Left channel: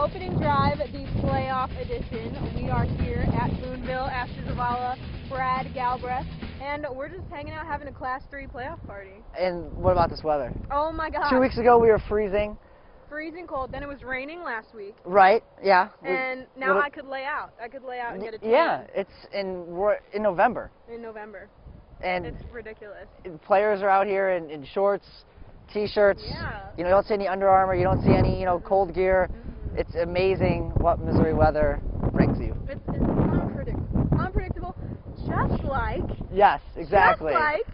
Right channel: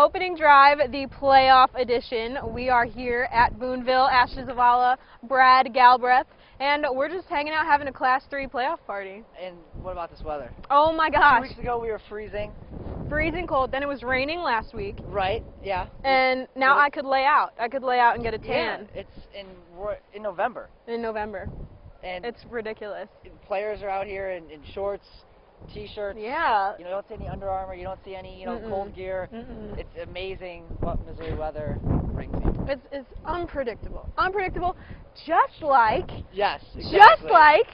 opening drive, the playoff edition. We are here at Boonville, Ashley Zavala, Brad Galbreath, and we're just hanging out having a Class 3 playoff party. And what about this weather? Oh my gosh. 2 weeks ago we were freezing. Freezing cold. Then it was raining last week. Right, yeah. And now I could lay out. I could lay out and get a tan. Yeah, we're in November. In November. And it's ridiculous. Players are out here in shorts, T-shirts. Yeah. You don't see any Under Armour. You don't see any, cold gear. It's amazing what Missouri weather brings you. It's unpredictable. Unpredictable, just like. Yes, exactly. Just like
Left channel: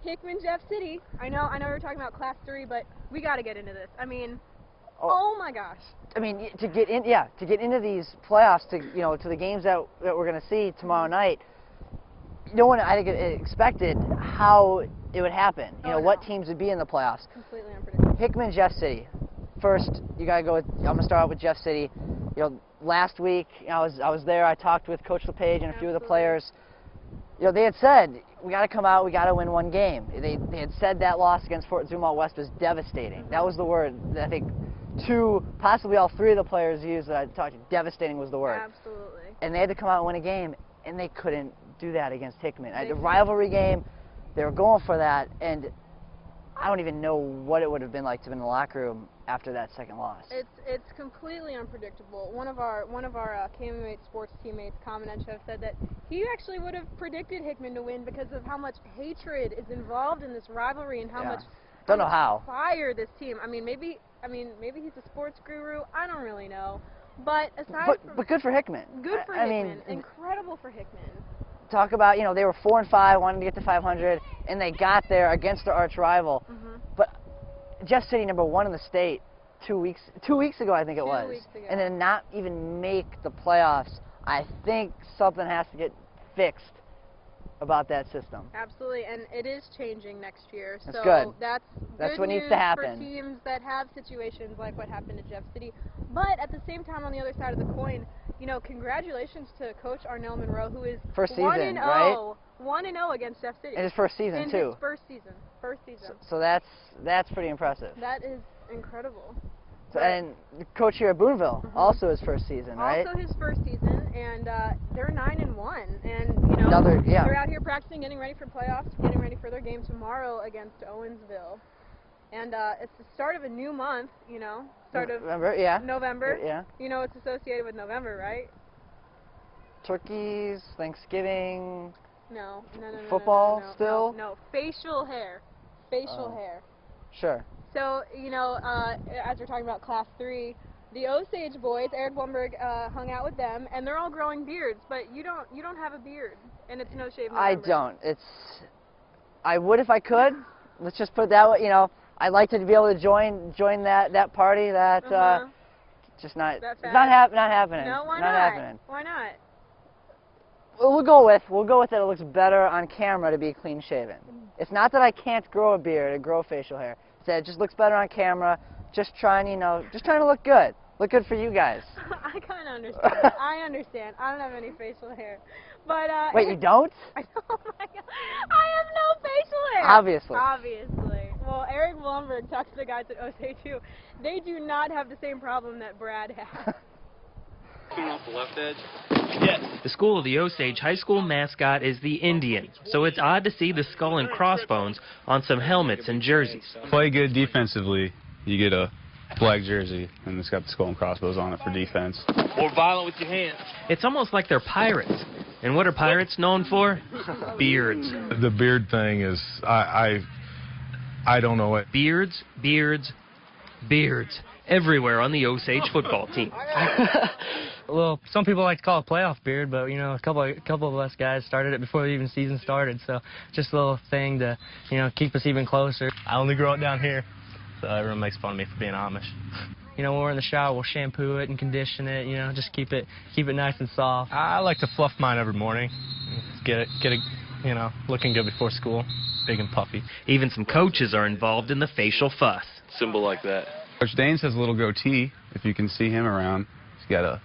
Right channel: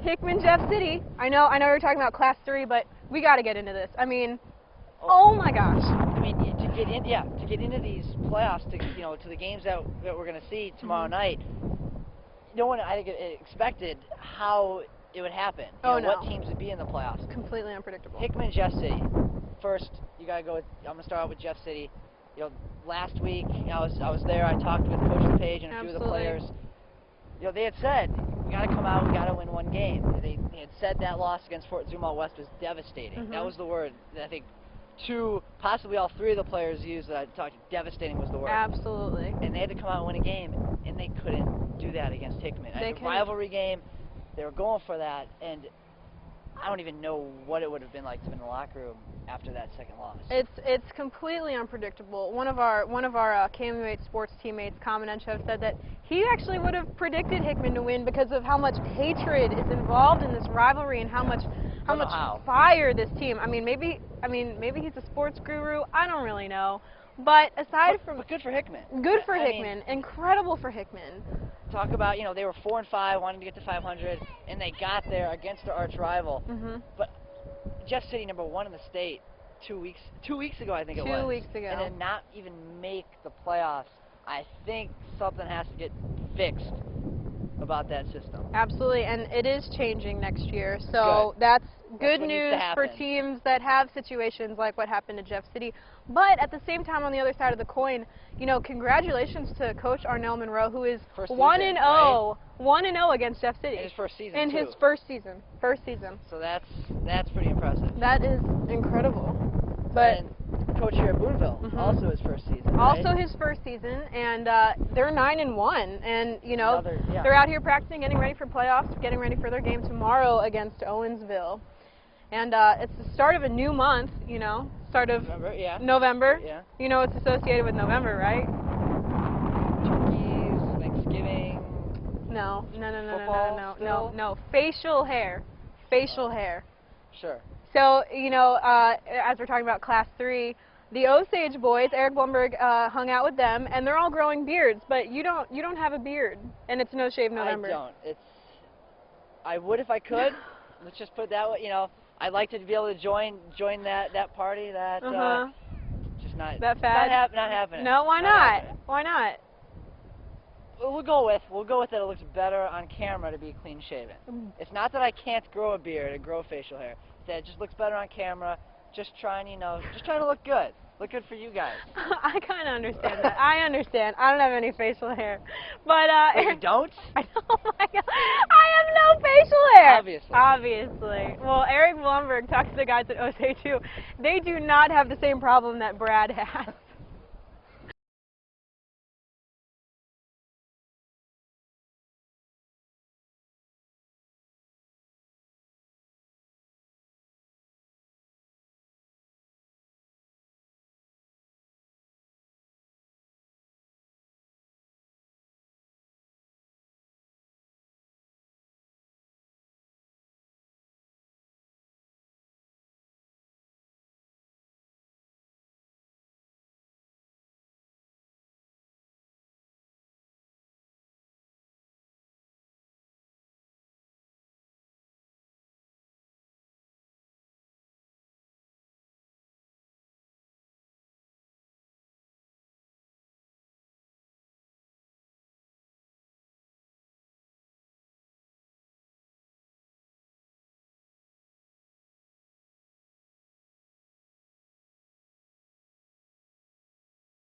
Hickman, Jeff City. I know we're talking about Class 3, but we got to get into this. I mean, oh my gosh. I mean, to get into these playoffs, to the games that we're going to see tomorrow night. No one, I think, expected how it would happen. What teams would be in the playoffs. Completely unpredictable. Hickman, Jeff City. First, you got to go with. I'm going to start off with Jeff City. Last week, I was there. I talked with Coach LePage and a few of the players. They had said we got to come out. We got to win one game. They had said that loss against Fort Zumwalt West was devastating. That was the word that I think two, possibly all three of the players used that I talked. Devastating was the word. Absolutely. And they had to come out and win a game, and they couldn't do that against Hickman. A rivalry game, they were going for that, and I don't even know what it would have been like to be in the locker room after that second loss. It's completely unpredictable. One of our KMUH sports teammates, Common-Encho, said that he actually would have predicted Hickman to win because of how much hatred is involved in this rivalry and how much fire this team. I mean, maybe he's a sports guru. I don't really know. But but good for Hickman. Good for Hickman. Incredible for Hickman. Talk about, they were 4-5, wanting to get to 500, and they got there against their arch rival. But Jeff City, #1 in the state, 2 weeks ago, I think it was. 2 weeks ago. And then not even make the playoffs. I think something has to get fixed about that system. Absolutely, and it is changing next year. So that's good news for teams that have situations like what happened to Jeff City. But at the same time, on the other side of the coin, congratulations to Coach Arnell Monroe, who is 1-0, 1-0 against Jeff City. In his first season, too. In his first season. So that's pretty impressive. That is incredible. And coach here at Boonville, also his first season, right? Also his first season, and they're 9-1, and they're out here practicing, getting ready for playoffs, getting ready for their game tomorrow against Owensville. And it's the start of a new month, start of November. Yeah. It's associated with November, right? Turkeys, Thanksgiving. No. Football still? No, facial hair. Facial hair. Sure. So, as we're talking about Class 3, the Osage boys, Eric Blumberg hung out with them, and they're all growing beards, but you don't have a beard, and it's No Shave November. I don't. I would if I could. Let's just put it that way. I'd like to be able to join that party. Just not that fast. Not happening. No, why not? Why not? We'll go with it. It looks better on camera to be clean shaven. It's not that I can't grow a beard or grow facial hair. It just looks better on camera. Just trying to look good. Look good for you guys. I kind of understand that. I understand. I don't have any facial hair. But wait, you don't? Oh my God. I have no facial hair. Obviously. Well, Eric Blumberg talks to the guys at OSA2. They do not have the same problem that Brad has. Off the left edge. Yes. The school of the Osage High School mascot is the Indian, so it's odd to see the skull and crossbones on some helmets and jerseys. Play good defensively, you get a black jersey, and it's got the skull and crossbones on it for defense. More violent with your hands. It's almost like they're pirates. And what are pirates known for? Beards. The beard thing is, I don't know it. Beards, beards, beards. Everywhere on the Osage football team. Well, some people like to call it playoff beard, but a couple of us guys started it before the even season started, so just a little thing to keep us even closer. I only grow it down here, so everyone makes fun of me for being Amish. When we're in the shower, we'll shampoo it and condition it. Just keep it nice and soft. I like to fluff mine every morning, get it looking good before school, big and puffy. Even some coaches are involved in the facial fuss. Symbol like that. Coach Danes has a little goatee, if you can see him around. He's got a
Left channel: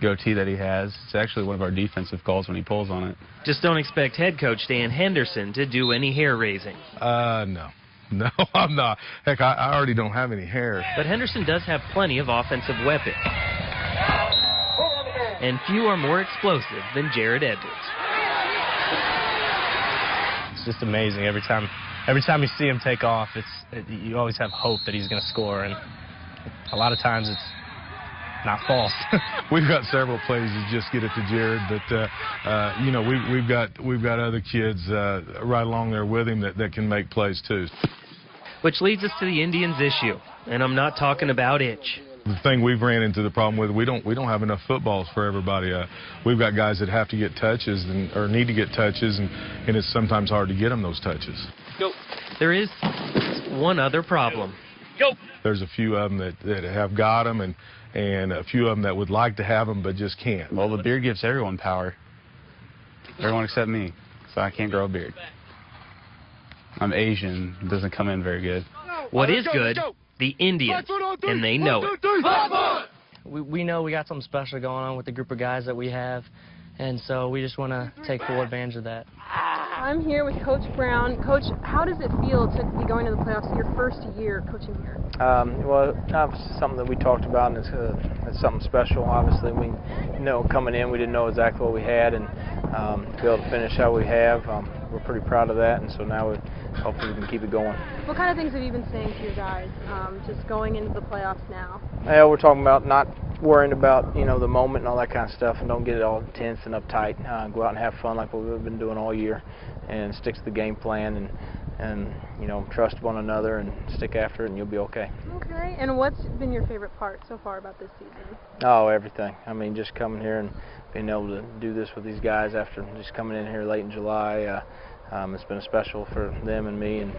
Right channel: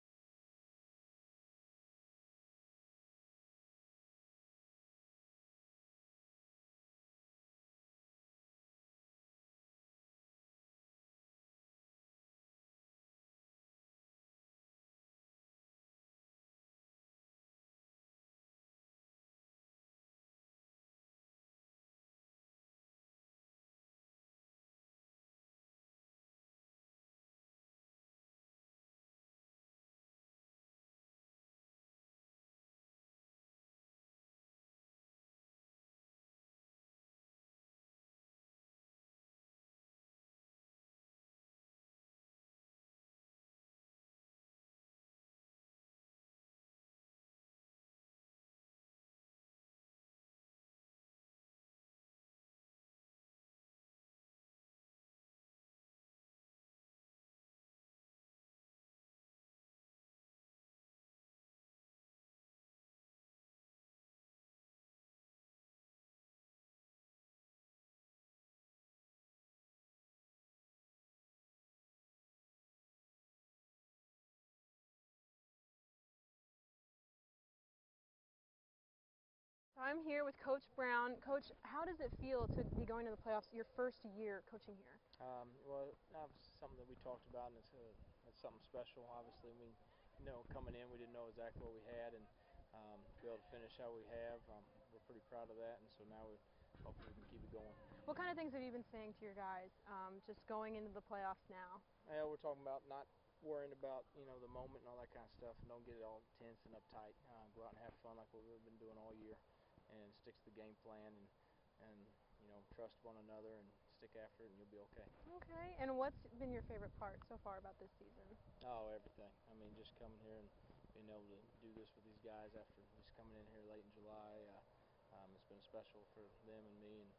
goatee that he has. It's actually one of our defensive calls when he pulls on it. Just don't expect head coach Dan Henderson to do any hair raising. No. No, I'm not. Heck, I already don't have any hair. But Henderson does have plenty of offensive weapons. And few are more explosive than Jared Edwards. It's just amazing every time you see him take off. You always have hope that he's going to score, and a lot of times it's not false. We've got several plays that just get it to Jared, but you know, we've got other kids right along there with him that can make plays too. Which leads us to the Indians' issue, and I'm not talking about itch. The thing we've ran into the problem with, we don't have enough footballs for everybody. We've got guys that have to get touches or need to get touches, and it's sometimes hard to get them those touches. Go. There is one other problem. Go. There's a few of them that have got them, and a few of them that would like to have them but just can't. Well, the beard gives everyone power. Everyone except me, so I can't grow a beard. I'm Asian. It doesn't come in very good. What is good? The Indians, and they know it. We know we got something special going on with the group of guys that we have, and so we just want to take full advantage of that. I'm here with Coach Brown. Coach, how does it feel to be going to the playoffs your first year coaching here? Well, it's something that we talked about, and it's something special. Obviously, we know coming in, we didn't know exactly what we had, and to be able to finish how we have, we're pretty proud of that, and so now hopefully we can keep it going. What kind of things have you been saying to your guys, just going into the playoffs now? Yeah, we're talking about not worrying about, you know, the moment and all that kind of stuff, and don't get it all tense and uptight. Go out and have fun like what we've been doing all year, and stick to the game plan, and you know, trust one another and stick after it, and you'll be okay. Okay, and what's been your favorite part so far about this season? Oh, everything. I mean, just coming here and being able to do this with these guys after just coming in here late in July, it's been special for them and me, and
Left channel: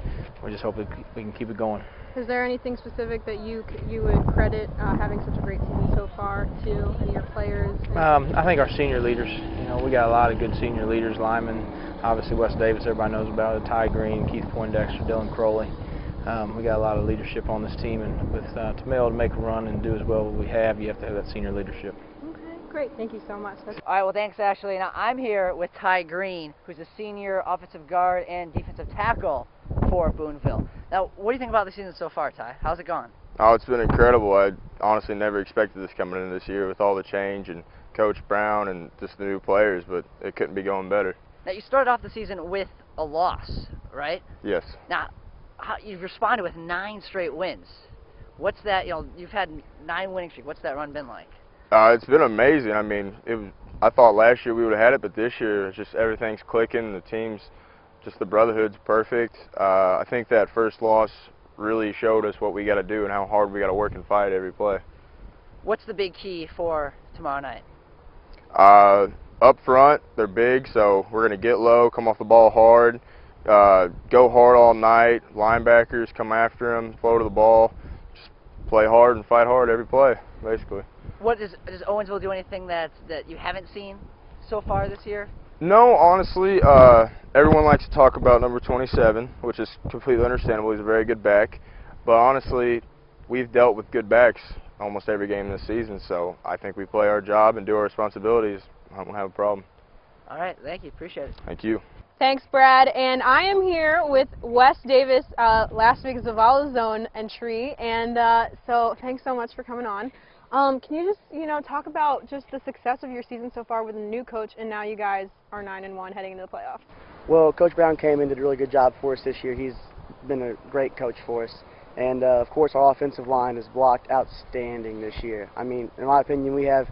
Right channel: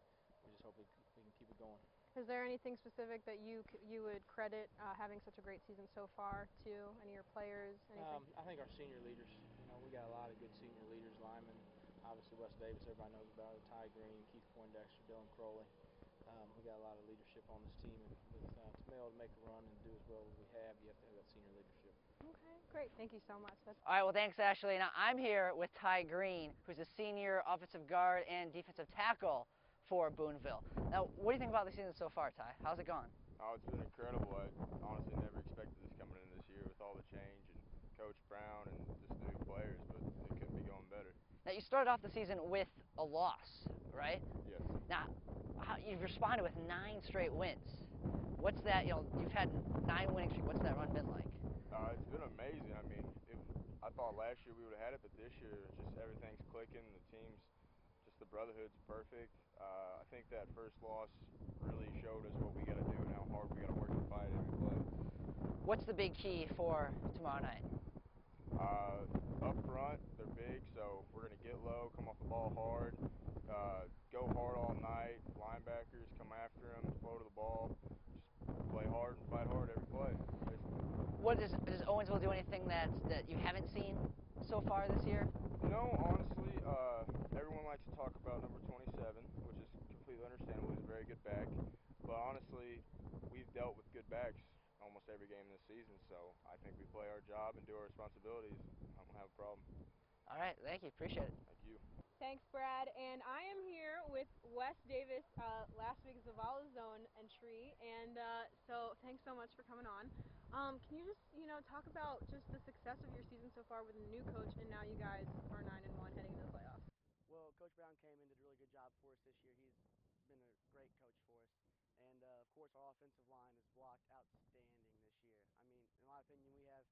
we just hope we can keep it going. Is there anything specific that you would credit having such a great season so far to any of your players? I think our senior leaders. You know, we got a lot of good senior leaders, linemen. Obviously, Wes Davis, everybody knows about it. Ty Green, Keith Poindexter, Dylan Crowley. We got a lot of leadership on this team, and with to be able to make a run and do as well as we have, you have to have that senior leadership. Okay, great. Thank you so much. All right, well, thanks, Ashley. Now, I'm here with Ty Green, who's a senior offensive guard and defensive tackle for Boonville. Now, what do you think about the season so far, Ty? How's it gone? Oh, it's been incredible. I honestly never expected this coming in this year with all the change and Coach Brown and just the new players, but it couldn't be going better. Now, you started off the season with a loss, right? Yes. Now, you've responded with 9 straight wins. What's that, you know, you've had 9 winning streak. What's that run been like? It's been amazing. I mean, I thought last year we would have had it, but this year it's just everything's clicking. The team's, just the brotherhood's perfect. I think that first loss really showed us what we got to do and how hard we got to work and fight every play. What's the big key for tomorrow night? Up front, they're big, so we're going to get low, come off the ball hard, go hard all night. Linebackers, come after them, flow to the ball, just play hard and fight hard every play, basically. Does Owensville do anything that you haven't seen so far this year? No, honestly, everyone likes to talk about number 27, which is completely understandable. He's a very good back. But honestly, we've dealt with good backs almost every game this season, so I think we play our job and do our responsibilities. I don't have a problem. All right, thank you. Appreciate it. Thank you. Thanks, Brad. And I am here with Wes Davis, last week's Zavala Zone entry, and so thanks so much for coming on. Can you just, you know, talk about just the success of your season so far with a new coach, and now you guys are 9-1 heading into the playoffs? Well, Coach Brown came in and did a really good job for us this year. He's been a great coach for us. And, of course, our offensive line is blocked outstanding this year. I mean, in my opinion, we have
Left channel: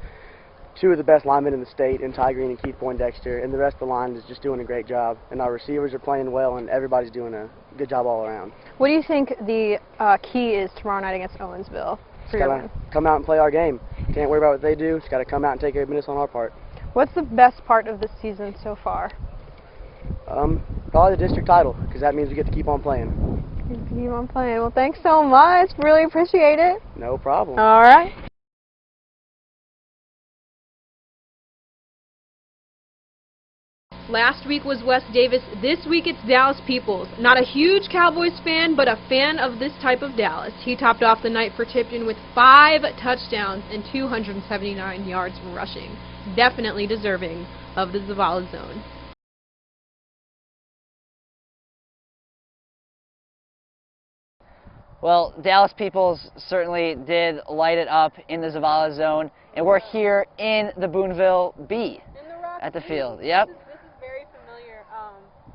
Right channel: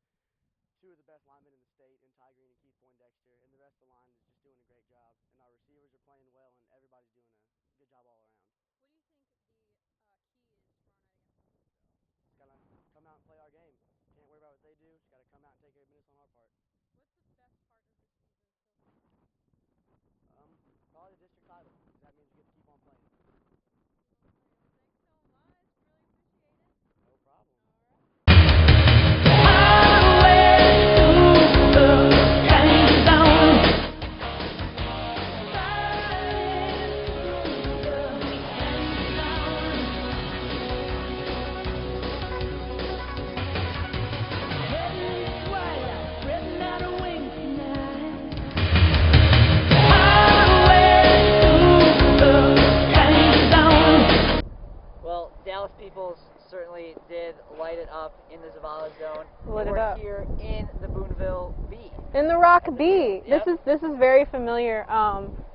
2 of the best linemen in the state, in Ty Green and Keith Poindexter, and the rest of the line is just doing a great job. And our receivers are playing well, and everybody's doing a good job all around. What do you think the key is tomorrow night against Owensville? Just gotta come out and play our game. Can't worry about what they do. Just gotta come out and take 8 minutes on our part. What's the best part of this season so far? Probably the district title, because that means we get to keep on playing. Keep on playing. Well, thanks so much. Really appreciate it. No problem. All right. Last week was Wes Davis. This week it's Dallas Peoples. Not a huge Cowboys fan, but a fan of this type of Dallas. He topped off the night for Tipton with 5 touchdowns and 279 yards rushing. Definitely deserving of the Zavala Zone. Dallas Peoples certainly did light it up in the Zavala zone, and we're here in the Boonville B. In the Rock at the B. field. Yep. This is very familiar.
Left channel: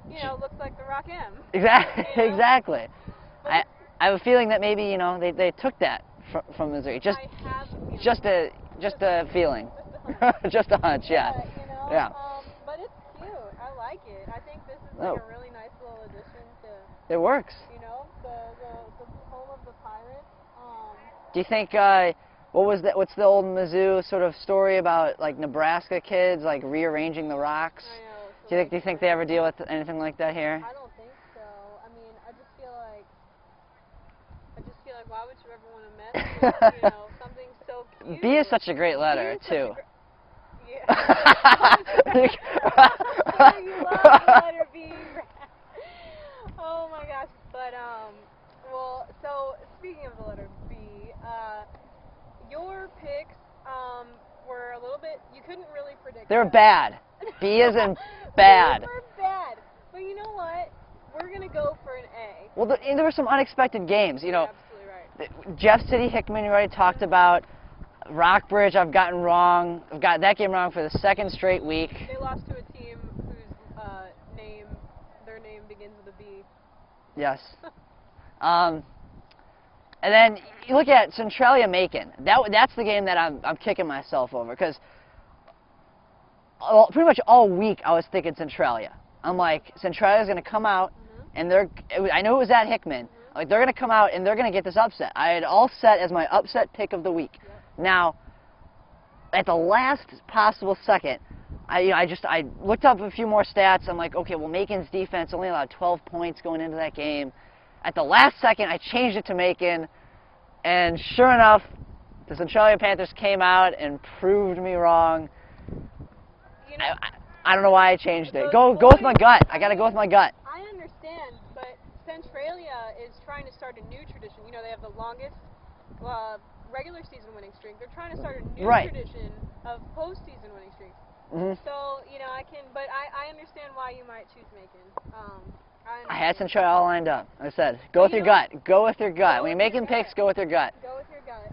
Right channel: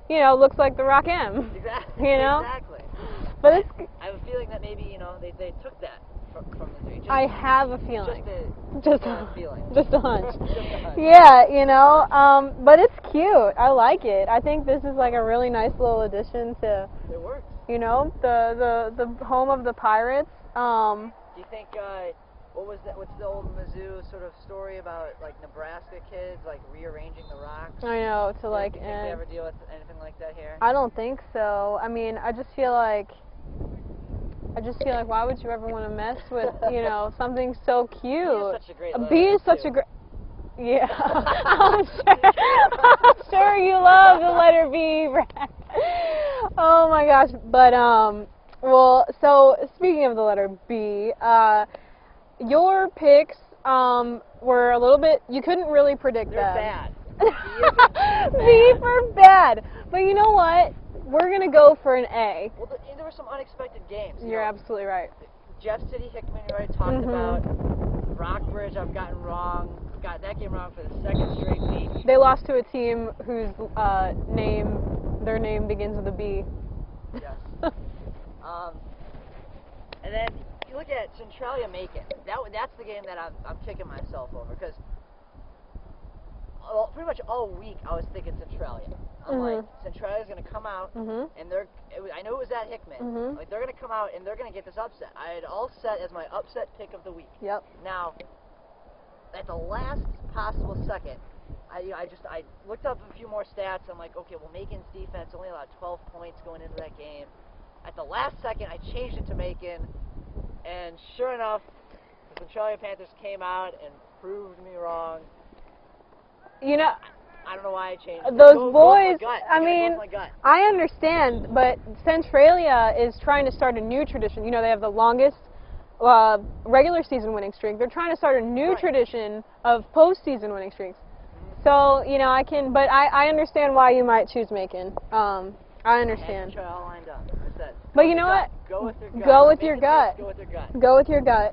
You know, looks like the Rock M. Exactly. You know? Exactly. But I have a feeling that maybe, you know, they took that from Missouri. I have a feeling. Just a feeling. Just a hunch. Just a hunch. Yeah, you know. Yeah. But it's cute. I like it. I think this is like a really nice little addition to. It works. You know, the home of the Pirates. Do you think what's the old Mizzou sort of story about like Nebraska kids like rearranging the rocks? I know. Do you think they ever deal with anything like that here? I don't think so. I mean, I just feel like why would you ever want to mess with, you know, something so cute? B is such a great letter. B is such too. a great. Yeah. I'm sure you love the letter B, Brad. Oh my gosh. But well, so speaking of the letter B, your picks were a little bit. You couldn't really predict. They're them. bad. B isn't bad. B for bad. But you know what? We're going to go for an A. Well, there were some unexpected games. You know, you're absolutely right. Jeff City, Hickman, you already talked about. Rockbridge, I've gotten wrong. I've got that game wrong for the second straight week. They lost to a team whose their name begins with a B. Yes. And then you look at Centralia-Macon. That's the game that I'm kicking myself over because pretty much all week I was thinking Centralia. I'm like, Centralia's going to come out, and I know it was at Hickman. Like, they're going to come out, and they're going to get this upset. I had all set as my upset pick of the week. Yep. Now, at the last possible second, I looked up a few more stats. I'm like, okay, well, Macon's defense only allowed 12 points going into that game. At the last second, I changed it to Macon, and sure enough, the Centralia Panthers came out and proved me wrong. You know, I don't know why I changed it. Those Go boys, with my gut. I gotta go with my gut. I understand, but Centralia is trying to start a new tradition. You know, they have the longest regular season winning streak. They're trying to start a new tradition of postseason winning streaks. So, you know, but I understand why you might choose Macon. I understand. I had Centralia all lined up. I said, go with your gut. Go with your gut. Go with Making your gut. picks, go with your gut. Go with your gut.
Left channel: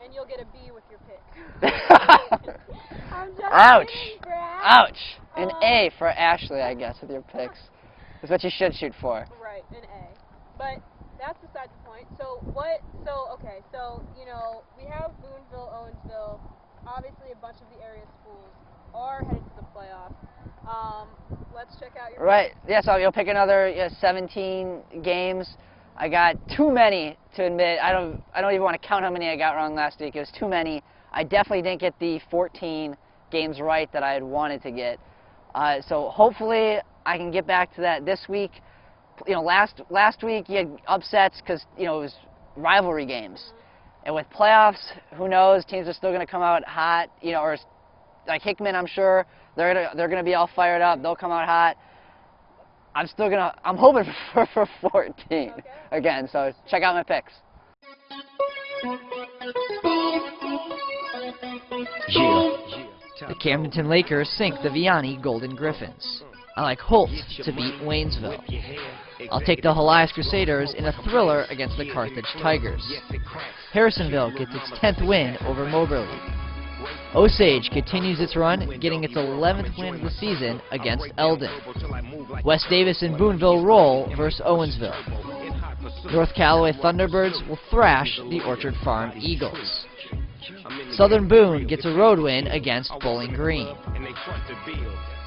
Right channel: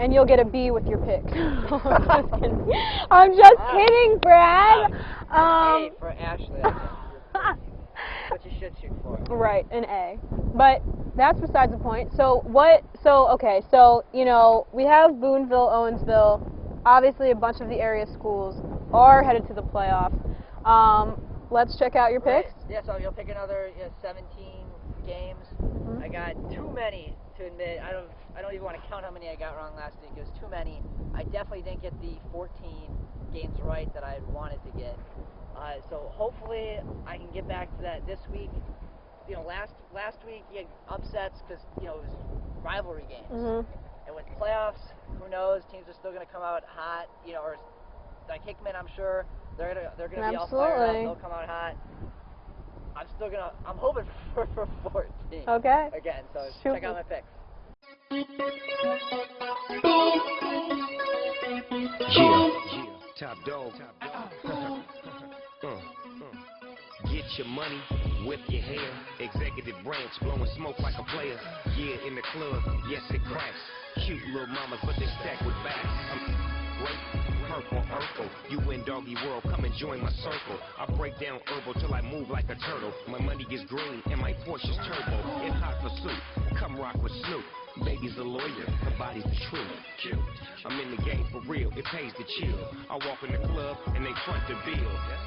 And you'll get a B with your pick. I'm just kidding, Brad. Ouch. An A for Ashley, I guess, with your picks. Is what you should shoot for. Right, an A. But that's besides the point. So okay, you know, we have Boonville, Owensville. Obviously, a bunch of the area schools are headed to the playoffs. Let's check out your picks. Right. Yeah, so you'll pick another 17 games. I got too many to admit. I don't even want to count how many I got wrong last week. It was too many. I definitely didn't get the 14 games right that I had wanted to get. So hopefully I can get back to that this week. You know, last week you had upsets because, you know, it was rivalry games. And with playoffs, who knows? Teams are still going to come out hot. You know, or like Hickman, I'm sure they're gonna be all fired up. They'll come out hot. I'm hoping for 14. Okay. Again, so check out my picks. The Camdenton Lakers sink the Vianney Golden Griffins. I like Holt to beat Waynesville. I'll take the Helias Crusaders in a thriller against the Carthage Tigers. Harrisonville gets its 10th win over Moberly. Osage continues its run, getting its 11th win of the season against Eldon. West Davis and Boonville roll versus Owensville. North Callaway Thunderbirds will thrash the Orchard Farm Eagles. Southern Boone gets a road win against Bowling Green.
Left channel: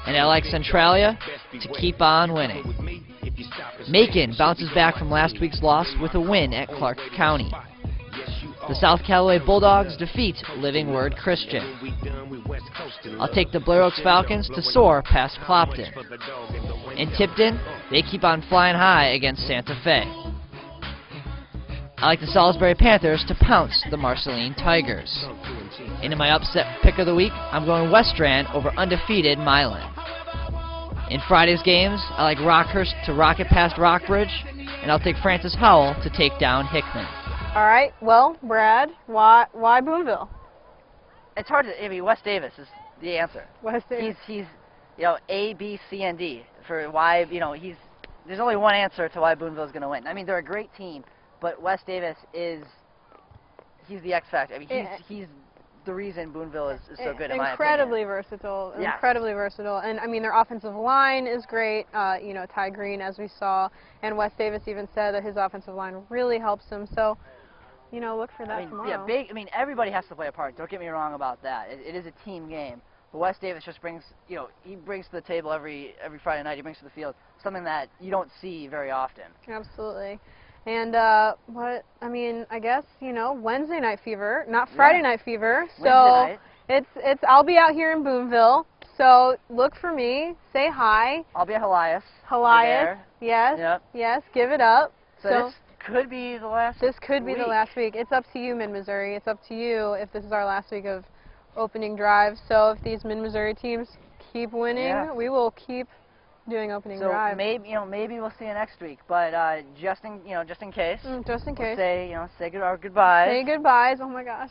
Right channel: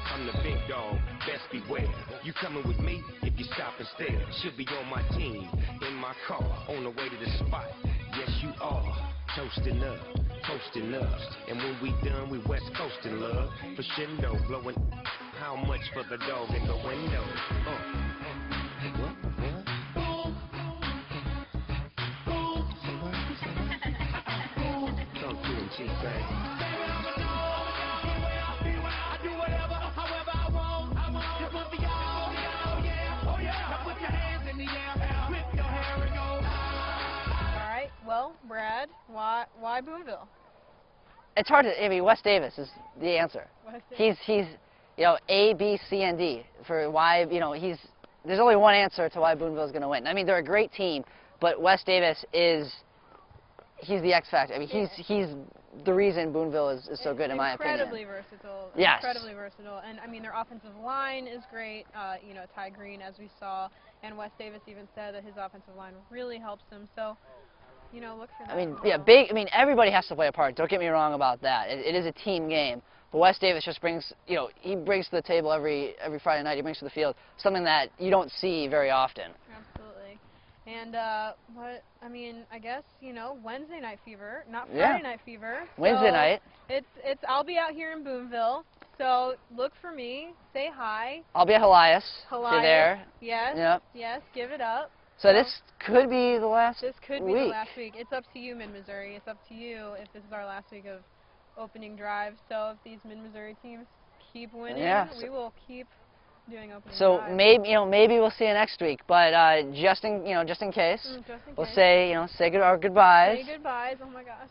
And I like Centralia to keep on winning. Macon bounces back from last week's loss with a win at Clark County. The South Callaway Bulldogs defeat Living Word Christian. I'll take the Blair Oaks Falcons to soar past Clopton. In Tipton, they keep on flying high against Santa Fe. I like the Salisbury Panthers to pounce the Marceline Tigers. And in my upset pick of the week, I'm going West Strand over undefeated Milan. In Friday's games, I like Rockhurst to rocket past Rockbridge, and I'll take Francis Howell to take down Hickman. All right. Well, Brad, why Boonville? It's hard to. I mean, West Davis is the answer. West Davis. He's you know, A, B, C, and D for why, you know, there's only one answer to why Boonville's going to win. I mean, they're a great team, but Wes Davis he's the X factor. I mean, he's the reason Boonville is so good, in my opinion. Incredibly versatile. Yes. Incredibly versatile. And, I mean, their offensive line is great. You know, Ty Green, as we saw. And Wes Davis even said that his offensive line really helps him. So, you know, look for that tomorrow. Yeah, I mean, everybody has to play a part. Don't get me wrong about that. It is a team game. But Wes Davis just brings, you know, he brings to the table every Friday night. He brings to the field something that you don't see very often. Absolutely. And I mean, I guess, you know, Wednesday night fever, not Friday night fever. So Wednesday night. I'll be out here in Boonville. So look for me. Say hi. I'll be at Elias. Elias. Yes. Yep. Yes. Give it up. So this could be the last This could be the last week. It's up to you, Mid-Missouri. It's up to you if this is our last week of opening drive. So if these Mid-Missouri teams keep winning, we will keep doing opening drive. So maybe we'll see you next week, but just in case. We'll say our goodbyes. Say goodbyes. Oh my gosh.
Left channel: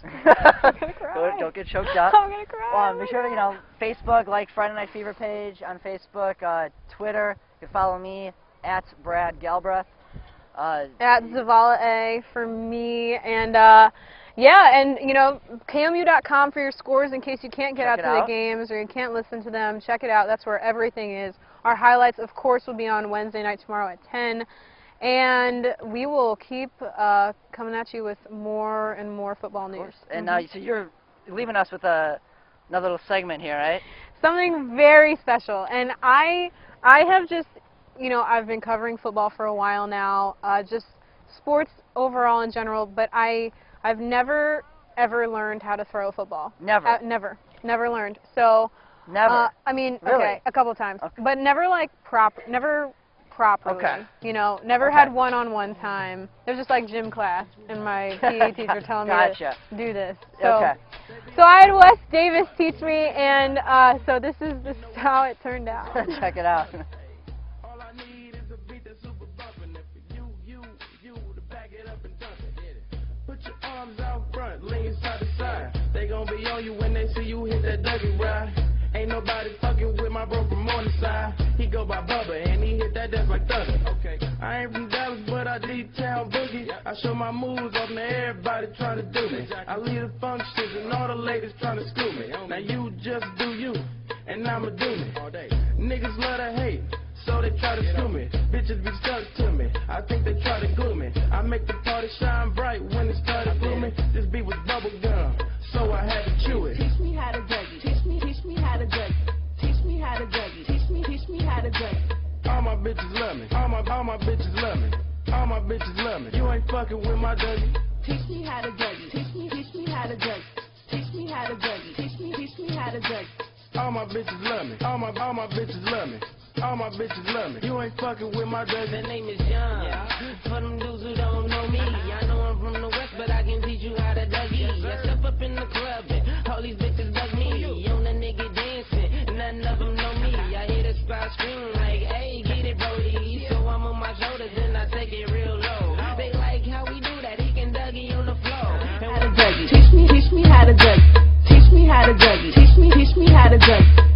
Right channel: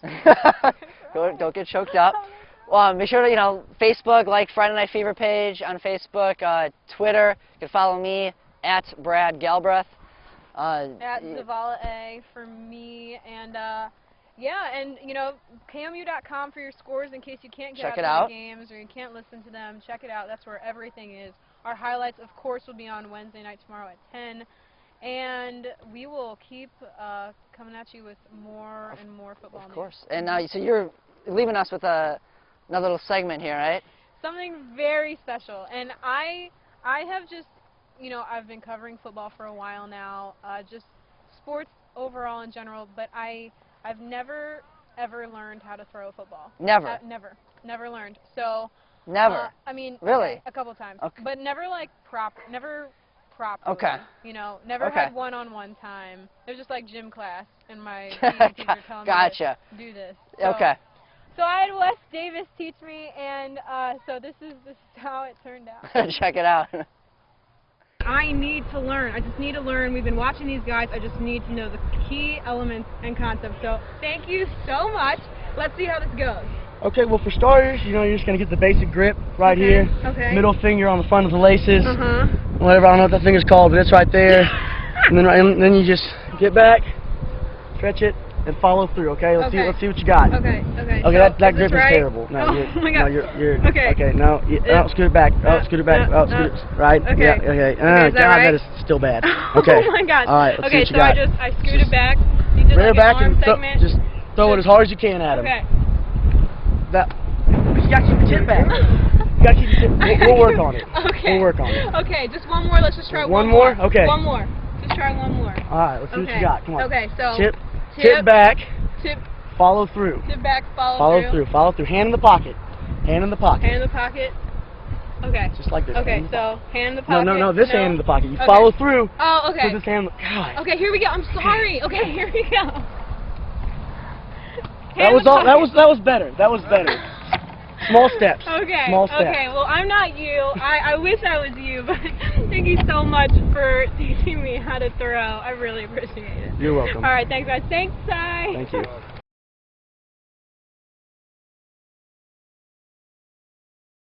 Don't get choked up. I'm gonna cry. Make sure to Facebook, like Friday Night Fever page on Facebook, Twitter. You can follow me at Brad Galbreath. At Zavala A for me, and and you know, KMU.com for your scores in case you can't get out to the games or you can't listen to them. Check it out. That's where everything is. Our highlights, of course, will be on Wednesday night tomorrow at 10, and we will keep coming at you with more and more football news. And so you're leaving us with another little segment here, right? Something very special, and I have just, you know, I've been covering football for a while now, just sports overall in general, but I've never ever learned how to throw a football. Never. Never learned. So. Never. I mean, really? Okay, a couple times, but never like never properly. Okay. You know, never had one-on-one time. It was just like gym class, and my PE teacher telling me to do this. So, So I had Wes Davis teach me, and so this is how it turned out. Check it out. I need to learn. I just need to learn. We've been watching these guys. I just need to know the key elements and concepts. So thank you so much. Let's see how this goes. Okay, well, for starters, you know, you're just going to get the basic grip right here. Okay. Middle finger on the front of the laces. Whatever, I don't know what that finger's called, but it's right there. And then you just get back, stretch it, and follow through, okay? Let's see what you got. Okay, that grip is terrible. No, oh my God. You're okay, no, scoot it back. Oh, scoot it back. Oh, scoot it, right? Okay. Yeah, okay. God, that is still bad. Okay. Oh my God. All right, let's see what you got. got. I scooted back. Rear back and just throw it as hard as you can at him. Okay. You got to keep your chin back. You got to keep your chin. We'll work on it. Okay. We'll work on it. Okay, just one more. Let's just try one more. Okay. One more. Let's try one more. All right, let's see what you got. Come on. Okay, so tip back. Tip. Follow through. Tip back. Follow through. Follow through. Hand in the pocket. Hand in the pocket. Hand in the pocket. Okay. Like this. Okay, so hand in the pocket. No, this hand in the pocket. You follow through. Oh, okay. So this hand. God. Okay, here we go. I'm sorry. Okay, here we go. That was all. That was better. That was better. Small steps. Okay. Small steps. Okay. Well, I'm not you. I wish I was you. But thank you so much for teaching me how to throw. I really appreciate it. You're welcome. All right. Thanks, guys. Thanks, Ty. Teach me how to juggle. Teach me how to juggle. Teach me how to juggle.